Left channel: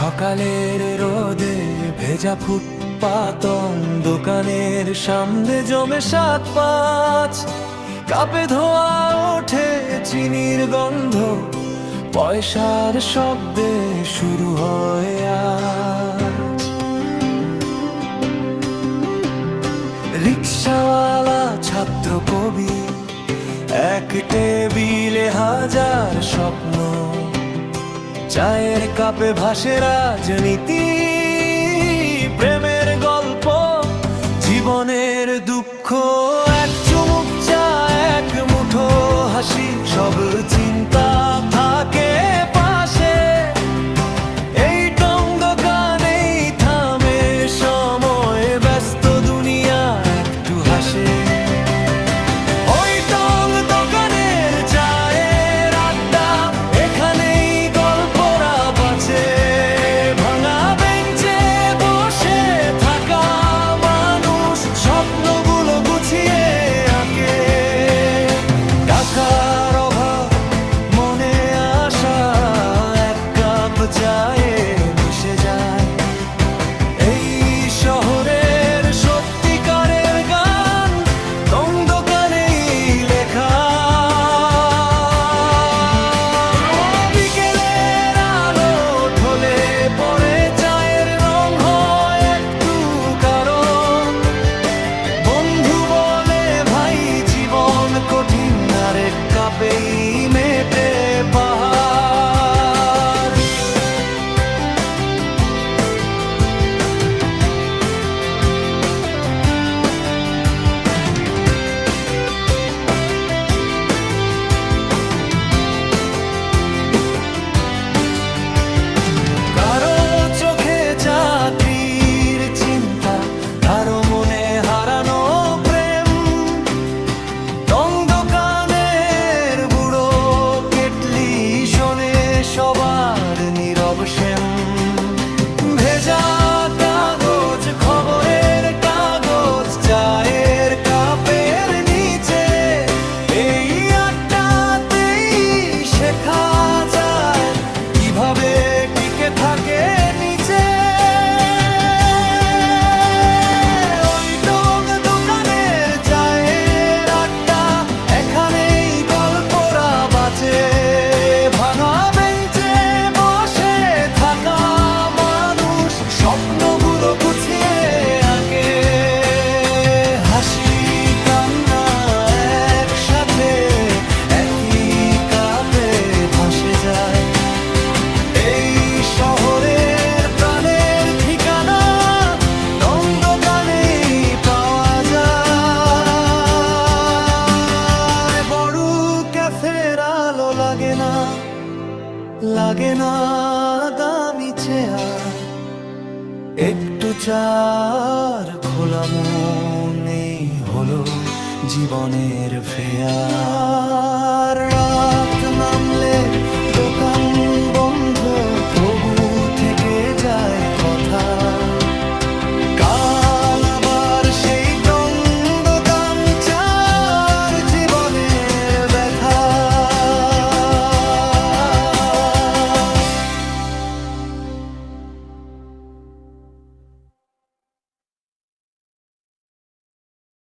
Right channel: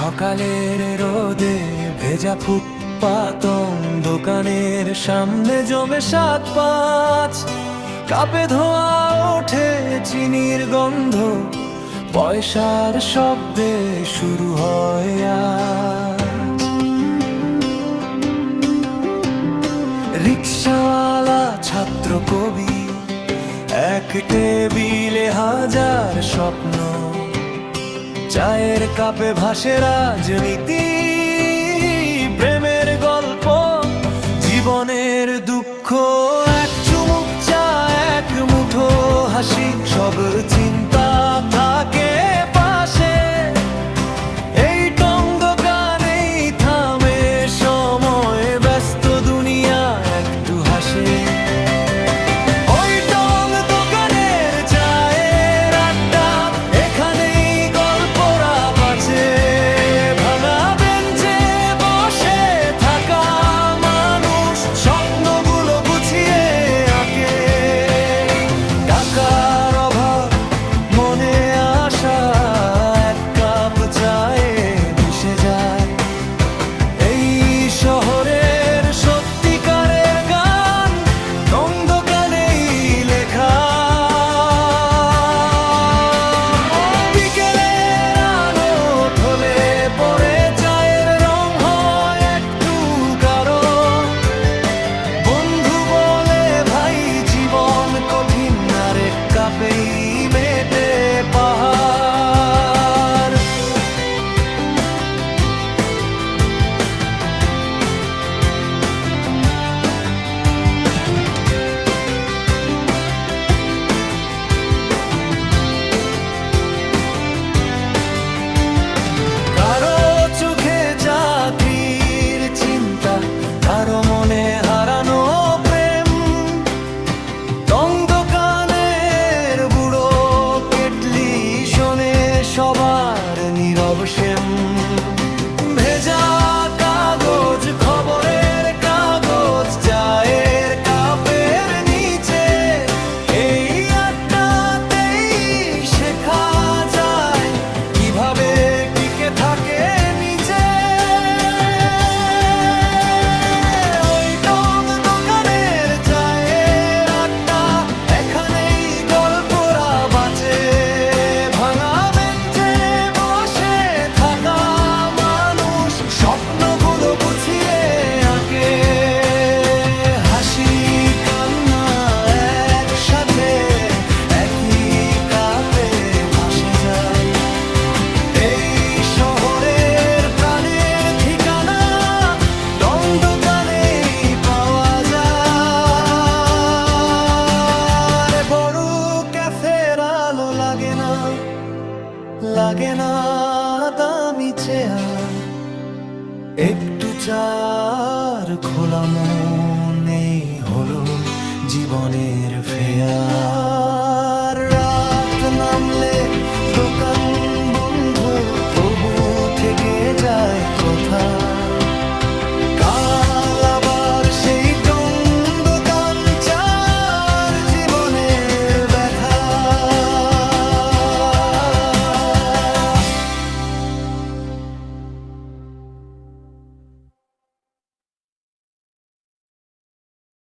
সকালের রোদে ভেজা ফুটপাতং দোকানের সামনে জমে ৭-৫ কাপে ধোয়া ওঠে চিনির গন্ধ, পয়সার শব্দে শুরু হয় আজ। রিক্সাওয়ালা ছাত্র কবি, এক টেবিলে হাজার স্বপ্ন, চায়ের কাপে ভাসে রাজনীতি, প্রেমের গল্প, জীবনের দুঃখ, এক চুমুক চা, এক মুঠো হাসি, সব চিন্তা থাকে পাশে। এই টং দোকানেই থামে সময়, ব্যস্ত দুনিয়া একটু হাসে। ওই টং দোকানের চায়ের আড্ডা, এখানেই গল্পরা বাঁচে। ভাঙা বেঞ্চে বসে থাকা মানুষ স্বপ্নগুলো গুছিয়ে আঁকে। টাকার অভাব, মনে আশা, এক কাপ চায়ে মিশে যায়। এই শহরের সত্যিকারের গান টং দোকানেই লেখা। বিকেলের আলো ঢলে পড়ে, চায়ের রং হয় একটু গাঢ়। বন্ধু বলে ভাই জীবন কঠিন, আর এক কাপেই মেটে পাহাড়। কারো চোখে চাকরির চিন্তা, কারো মনে হারানো প্রেম। টং দোকানের বুড়ো কেটলি শোনে সবার নীরব শ্যাম। ভেজা কাগজ, খবরের কাগজ, চায়ের কাপের নিচে, এই আড্ডাতেই শেখা যায় কিভাবে টিকে থাকে নিচে। ওই টং দোকানের চায়ের আড্ডা, এখানেই গল্পরা বাঁচে। ভাঙা বেঞ্চে বসে থাকা মানুষ স্বপ্নগুলো গুছিয়ে আঁকে। হাসি কান্না একসাথে একই কাপে ভাসে যায়। এই শহরের প্রাণের ঠিকানা টং দোকানেই পাওয়া যায়। বড় ক্যাফের আলো লাগে না, লাগে না দামি চেয়ার, একটু চার খোলা মনে হলো জীবনের ফেয়ার। রাত নামলে দোকান বন্ধ, তবু থেকে যায় কথা।